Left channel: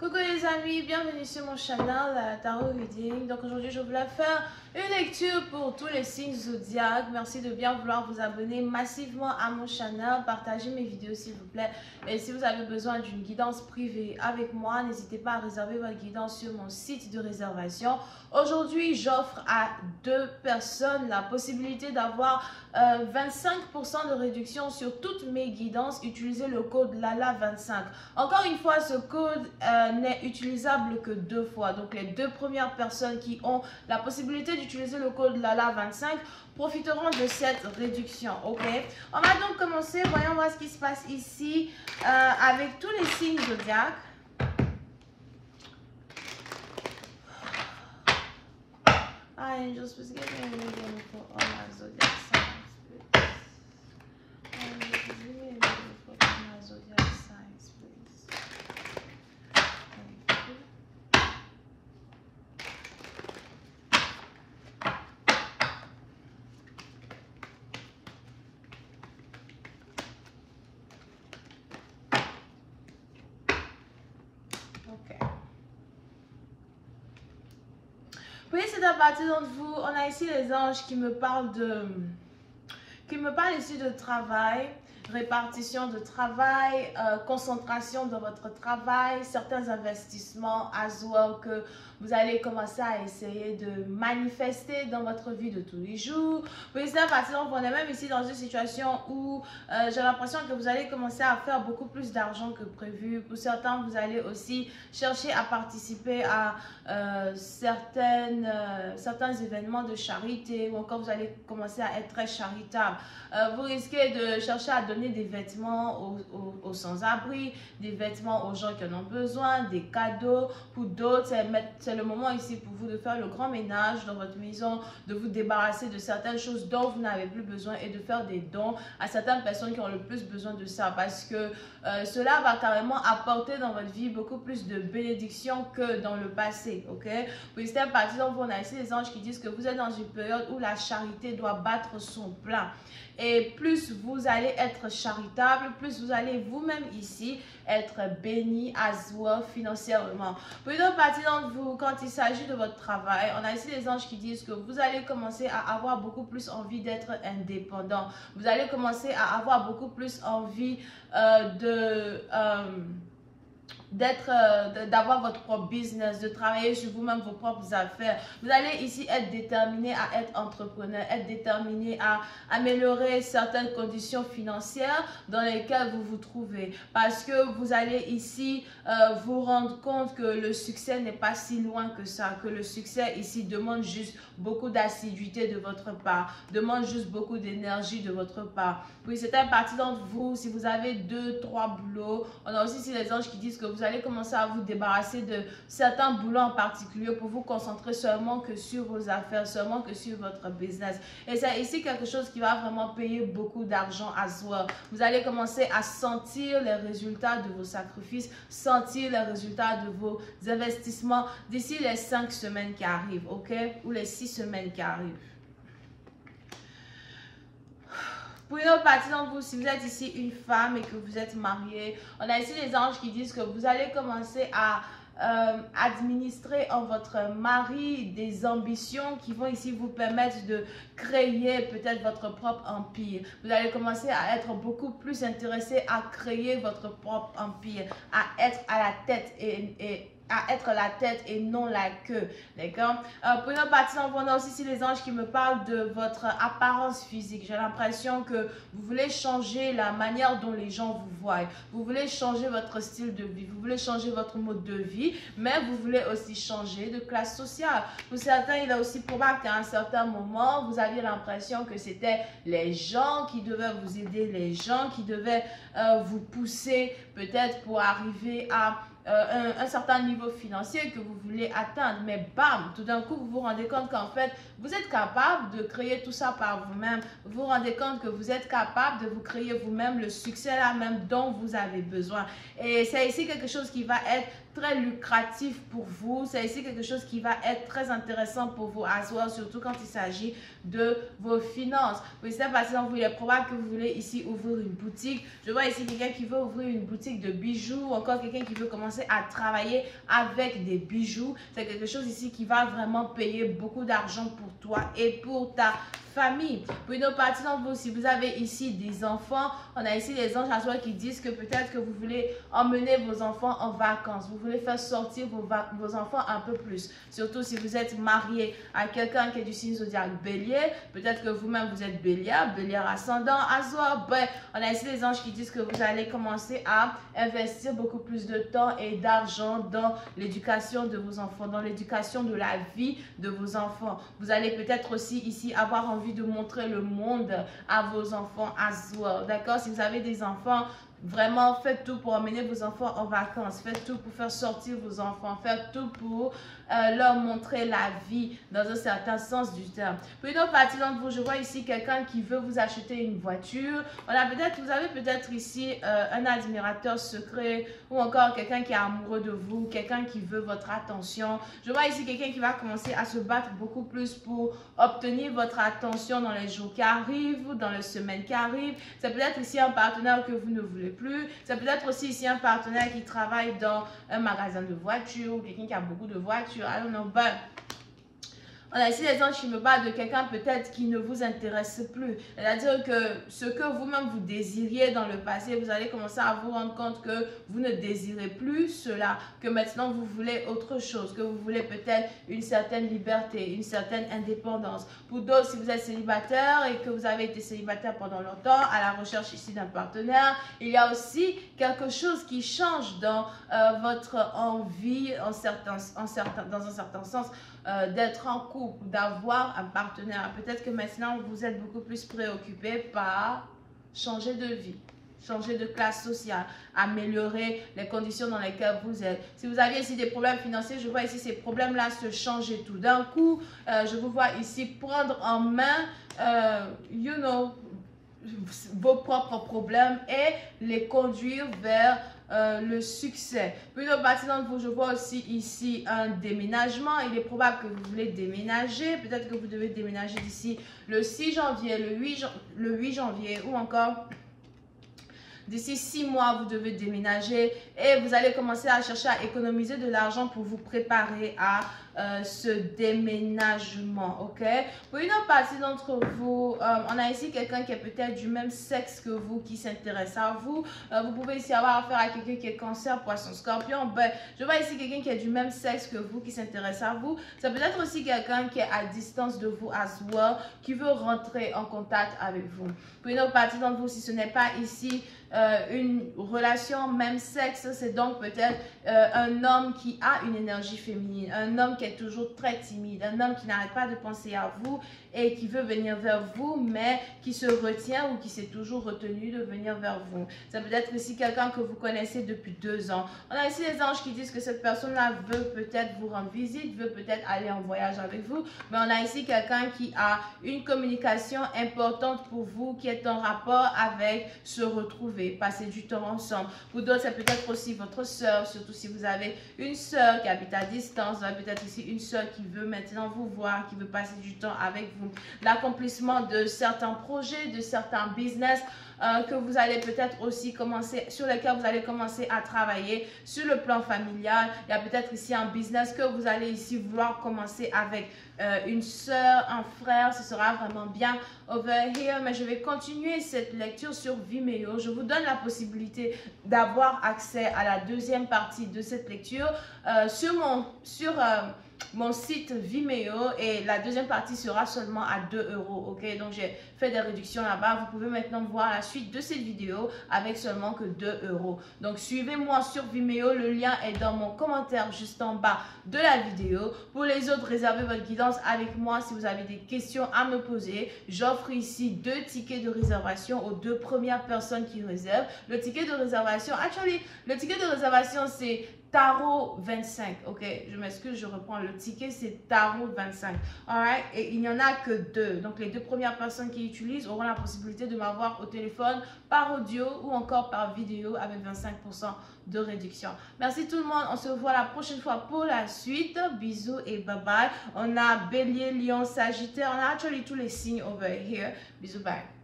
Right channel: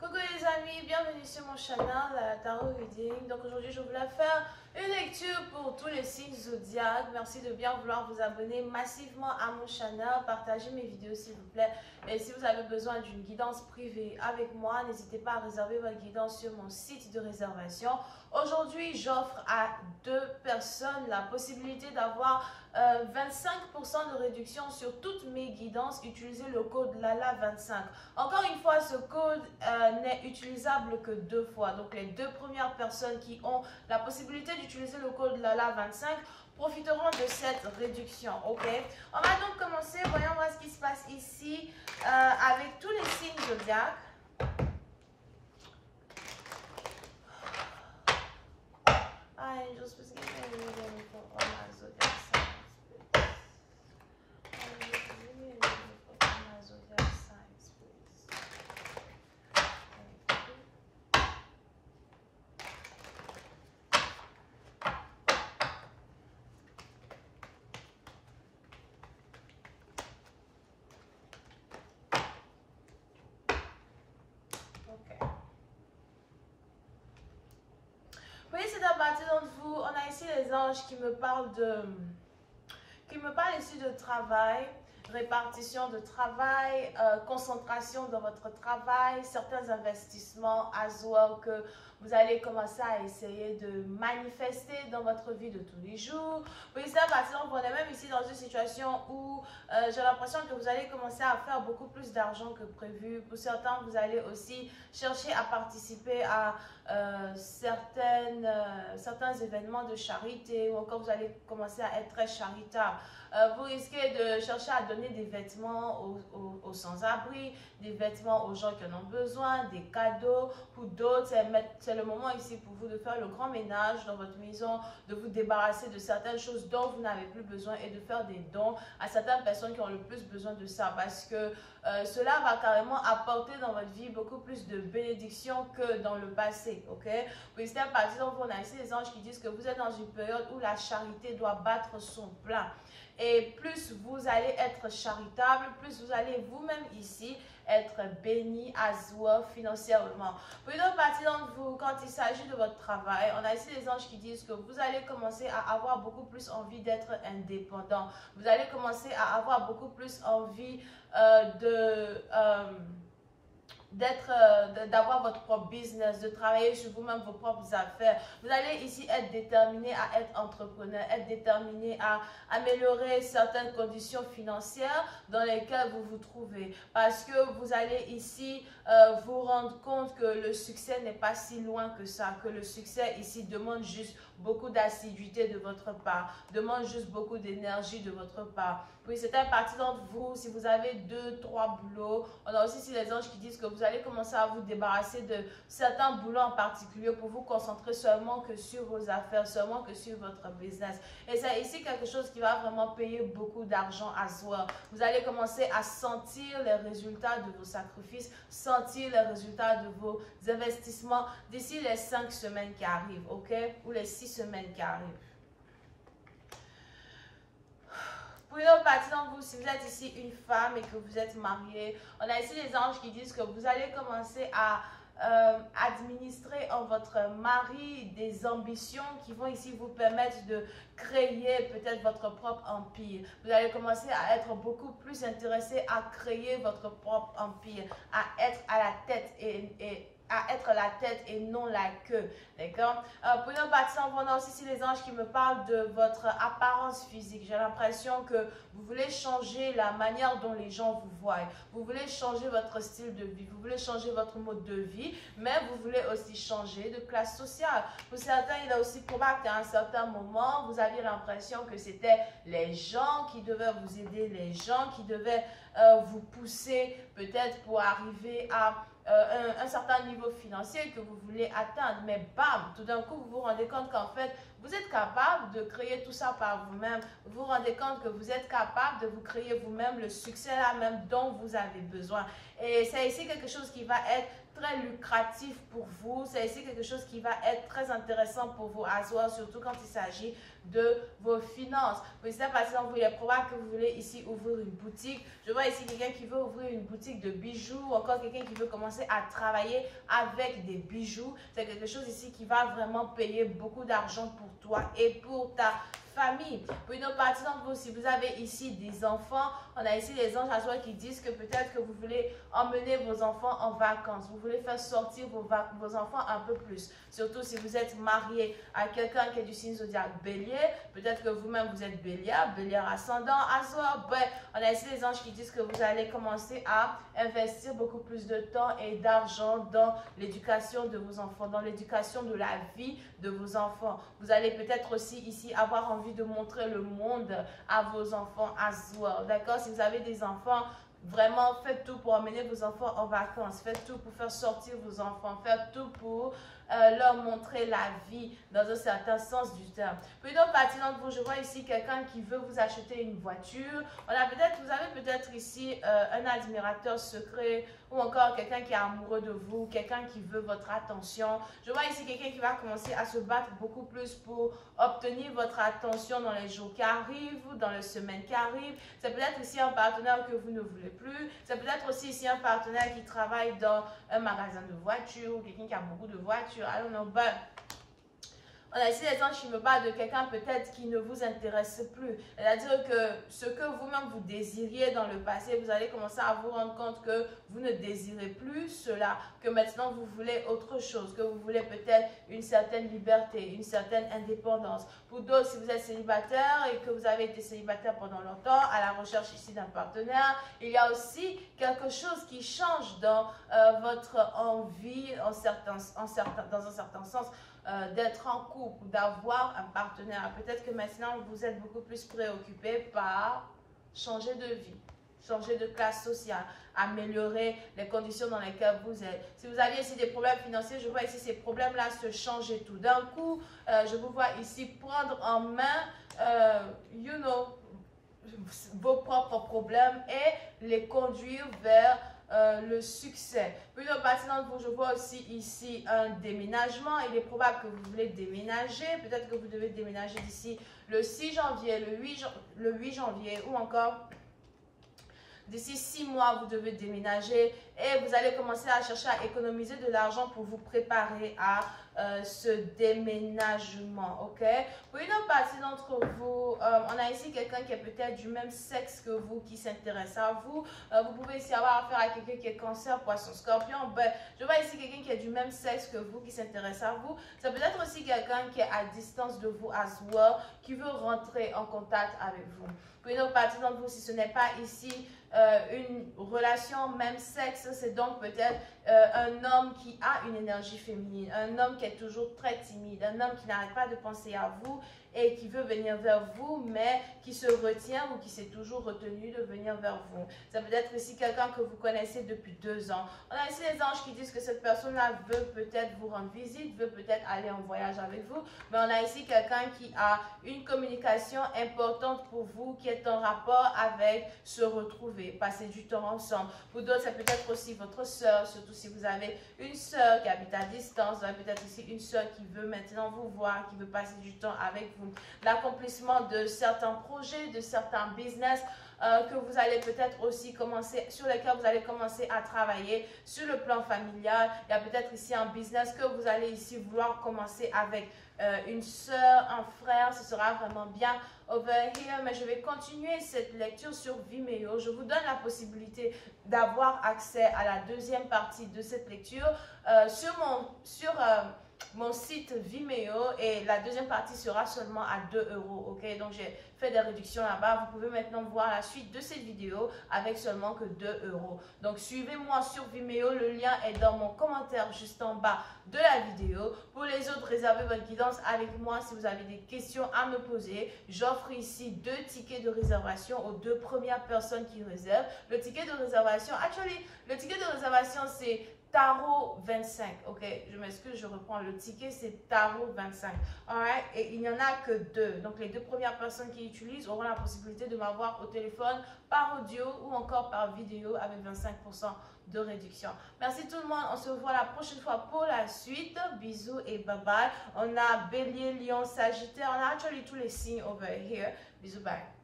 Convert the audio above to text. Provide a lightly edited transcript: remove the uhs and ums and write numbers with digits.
Coucou les amis, bienvenue sur mon channel Tarot Reading. Donc aujourd'hui je voulais faire une lecture pour tous les signes zodiaques. Merci de bien vouloir vous abonner massivement à mon channel, partagez mes vidéos s'il vous plaît. Et si vous avez besoin d'une guidance privée avec moi, n'hésitez pas à réserver votre guidance sur mon site de réservation. Aujourd'hui j'offre à 2 personnes la possibilité d'avoir 25% de réduction sur toutes mes guidances. Utilisez le code LALA25. Encore une fois, ce code n'est utilisable que 2 fois. Donc les 2 premières personnes qui ont la possibilité d'utiliser le code LALA25 profiteront de cette réduction. Ok, on va donc commencer. Voyons voir ce qui se passe ici avec tous les signes zodiaques. Angels, please give me a reading for all my zodiac signs, please. Angels, please give me a reading for all my zodiac signs, please. Thank you. Ok. Oui, c'est à partir d'entre vous. On a ici les anges qui me parlent ici de travail, répartition de travail, concentration dans votre travail, certains investissements as well que vous allez commencer à essayer de manifester dans votre vie de tous les jours. Oui, c'est à partir d'entre vous. On est même ici dans une situation où j'ai l'impression que vous allez commencer à faire beaucoup plus d'argent que prévu. Pour certains, vous allez aussi chercher à participer à certains événements de charité, ou encore vous allez commencer à être très charitable. Vous risquez de chercher à donner des vêtements aux sans-abri, des vêtements aux gens qui en ont besoin, des cadeaux. Pour d'autres, c'est le moment ici pour vous de faire le grand ménage dans votre maison, de vous débarrasser de certaines choses dont vous n'avez plus besoin et de faire des dons à certaines personnes qui ont le plus besoin de ça, parce que cela va carrément apporter dans votre vie beaucoup plus de bénédictions que dans le passé. Ok, puis c'est à partir d'entre vous. On a ici les anges qui disent que vous êtes dans une période où la charité doit battre son plein. Et plus vous allez être charitable, plus vous allez vous-même ici être béni as well financièrement. Pour une autre partie d'entre vous, quand il s'agit de votre travail, on a ici les anges qui disent que vous allez commencer à avoir beaucoup plus envie d'être indépendant. Vous allez commencer à avoir beaucoup plus envie d'avoir votre propre business, de travailler sur vous-même vos propres affaires. Vous allez ici être déterminé à être entrepreneur, être déterminé à améliorer certaines conditions financières dans lesquelles vous vous trouvez, parce que vous allez ici vous rendre compte que le succès n'est pas si loin que ça, que le succès ici demande juste beaucoup d'assiduité de votre part, demande juste beaucoup d'énergie de votre part. Puis c'est une partie d'entre vous, si vous avez 2, 3 boulots, on a aussi ici les anges qui disent que vous allez commencer à vous débarrasser de certains boulots en particulier pour vous concentrer seulement que sur vos affaires, seulement que sur votre business. Et c'est ici quelque chose qui va vraiment payer beaucoup d'argent à soi. Vous allez commencer à sentir les résultats de vos sacrifices, sentir les résultats de vos investissements d'ici les 5 semaines qui arrivent, ok? Ou les 6 semaines qui arrivent. Pour une autre partie d'entre vous, si vous êtes ici une femme et que vous êtes mariée, on a ici les anges qui disent que vous allez commencer à administrer en votre mari des ambitions qui vont ici vous permettre de créer peut-être votre propre empire. Vous allez commencer à être beaucoup plus intéressé à créer votre propre empire, à être à la tête à être la tête et non la queue, d'accord? Pour une autre partie, on a aussi ici les anges qui me parlent de votre apparence physique. J'ai l'impression que vous voulez changer la manière dont les gens vous voient. Vous voulez changer votre style de vie, vous voulez changer votre mode de vie, mais vous voulez aussi changer de classe sociale. Pour certains, il est aussi probable qu'à un certain moment, vous aviez l'impression que c'était les gens qui devaient vous aider, les gens qui devaient vous pousser peut-être pour arriver à un certain niveau financier que vous voulez atteindre, mais bam, tout d'un coup vous vous rendez compte qu'en fait vous êtes capable de créer tout ça par vous-même. Vous vous rendez compte que vous êtes capable de vous créer vous-même le succès là même dont vous avez besoin. Et c'est ici quelque chose qui va être très lucratif pour vous. C'est ici quelque chose qui va être très intéressant pour vous à soi, surtout quand il s'agit de vos finances. Pour certaines parties d'entre vous, il est probable que vous voulez ici ouvrir une boutique. Je vois ici quelqu'un qui veut ouvrir une boutique de bijoux, ou encore quelqu'un qui veut commencer à travailler avec des bijoux. C'est quelque chose ici qui va vraiment payer beaucoup d'argent pour toi et pour ta famille. Pour une autre partie d'entre vous, si vous avez ici des enfants, on a ici les anges à soi qui disent que peut-être que vous voulez emmener vos enfants en vacances. Vous voulez faire sortir vos enfants un peu plus. Surtout si vous êtes marié à quelqu'un qui est du signe zodiaque bélier. Peut-être que vous-même vous êtes bélier ascendant, Azor. Ben, on a ici les anges qui disent que vous allez commencer à investir beaucoup plus de temps et d'argent dans l'éducation de vos enfants, dans l'éducation de la vie de vos enfants. Vous allez peut-être aussi ici avoir envie de montrer le monde à vos enfants as well. D'accord? Si vous avez des enfants, vraiment faites tout pour emmener vos enfants en vacances. Faites tout pour faire sortir vos enfants. Faites tout pour leur montrer la vie dans un certain sens du terme. Pour une autre partie d'entre vous, je vois ici quelqu'un qui veut vous acheter une voiture. Vous avez peut-être ici un admirateur secret ou encore quelqu'un qui est amoureux de vous, quelqu'un qui veut votre attention. Je vois ici quelqu'un qui va commencer à se battre beaucoup plus pour obtenir votre attention dans les jours qui arrivent ou dans les semaines qui arrivent. C'est peut-être ici un partenaire que vous ne voulez plus. C'est peut-être aussi ici un partenaire qui travaille dans un magasin de voitures ou quelqu'un qui a beaucoup de voitures. I don't know, but on a ici les anges qui me parlent de quelqu'un peut-être qui ne vous intéresse plus. C'est-à-dire que ce que vous-même vous désiriez dans le passé, vous allez commencer à vous rendre compte que vous ne désirez plus cela, que maintenant vous voulez autre chose, que vous voulez peut-être une certaine liberté, une certaine indépendance. Pour d'autres, si vous êtes célibataire et que vous avez été célibataire pendant longtemps, à la recherche ici d'un partenaire, il y a aussi quelque chose qui change dans votre envie, dans un certain sens, d'être en couple, d'avoir un partenaire. Peut-être que maintenant, vous êtes beaucoup plus préoccupé par changer de vie, changer de classe sociale, améliorer les conditions dans lesquelles vous êtes. Si vous aviez ici des problèmes financiers, je vois ici ces problèmes-là se changer tout d'un coup. Je vous vois ici prendre en main, vos propres problèmes et les conduire vers le succès. Puis une autre partie d'entre vous, je vois aussi ici un déménagement. Il est probable que vous voulez déménager. Peut-être que vous devez déménager d'ici le 6 janvier, le 8 janvier ou encore d'ici 6 mois, vous devez déménager et vous allez commencer à chercher à économiser de l'argent pour vous préparer à ce déménagement, ok? Pour une autre partie d'entre vous, on a ici quelqu'un qui est peut-être du même sexe que vous, qui s'intéresse à vous. Vous pouvez ici avoir affaire à quelqu'un qui est cancer, poisson, scorpion. Ben, je vois ici quelqu'un qui est du même sexe que vous, qui s'intéresse à vous. Ça peut être aussi quelqu'un qui est à distance de vous as well, qui veut rentrer en contact avec vous. Pour une autre partie d'entre vous, si ce n'est pas ici une relation même sexe, c'est donc peut-être un homme qui a une énergie féminine, un homme qui est toujours très timide, un homme qui n'arrête pas de penser à vous et qui veut venir vers vous, mais qui se retient ou qui s'est toujours retenu de venir vers vous. Ça peut être ici quelqu'un que vous connaissez depuis 2 ans. On a ici les anges qui disent que cette personne-là veut peut-être vous rendre visite, veut peut-être aller en voyage avec vous, mais on a ici quelqu'un qui a une communication importante pour vous, qui est en rapport avec se retrouver, passer du temps ensemble. Pour d'autres, c'est peut-être aussi votre soeur, surtout si vous avez une soeur qui habite à distance, vous avez peut-être ici une soeur qui veut maintenant vous voir, qui veut passer du temps avec vous. L'accomplissement de certains projets, de certains business que vous allez peut-être aussi commencer, sur lesquels vous allez commencer à travailler sur le plan familial. Il y a peut-être ici un business que vous allez ici vouloir commencer avec une soeur, un frère. Ce sera vraiment bien over here, mais je vais continuer cette lecture sur Vimeo. Je vous donne la possibilité d'avoir accès à la deuxième partie de cette lecture sur mon site Vimeo, et la deuxième partie sera seulement à 2 €, ok? Donc j'ai fait des réductions là-bas. Vous pouvez maintenant voir la suite de cette vidéo avec seulement que 2 €. Donc suivez-moi sur Vimeo, le lien est dans mon commentaire juste en bas de la vidéo. Pour les autres, réservez votre guidance avec moi si vous avez des questions à me poser. J'offre ici 2 tickets de réservation aux 2 premières personnes qui réservent. Le ticket de réservation, le ticket de réservation c'est Tarot 25, ok? Je m'excuse, je reprends. Le ticket, c'est Tarot 25. Alright? Et il n'y en a que 2. Donc, les 2 premières personnes qui l'utilisent auront la possibilité de m'avoir au téléphone par audio ou encore par vidéo avec 25% de réduction. Merci tout le monde. On se voit la prochaine fois pour la suite. Bisous et bye bye. On a Bélier, Lion, Sagittaire. On a actually tous les signes over here. Bisous, bye.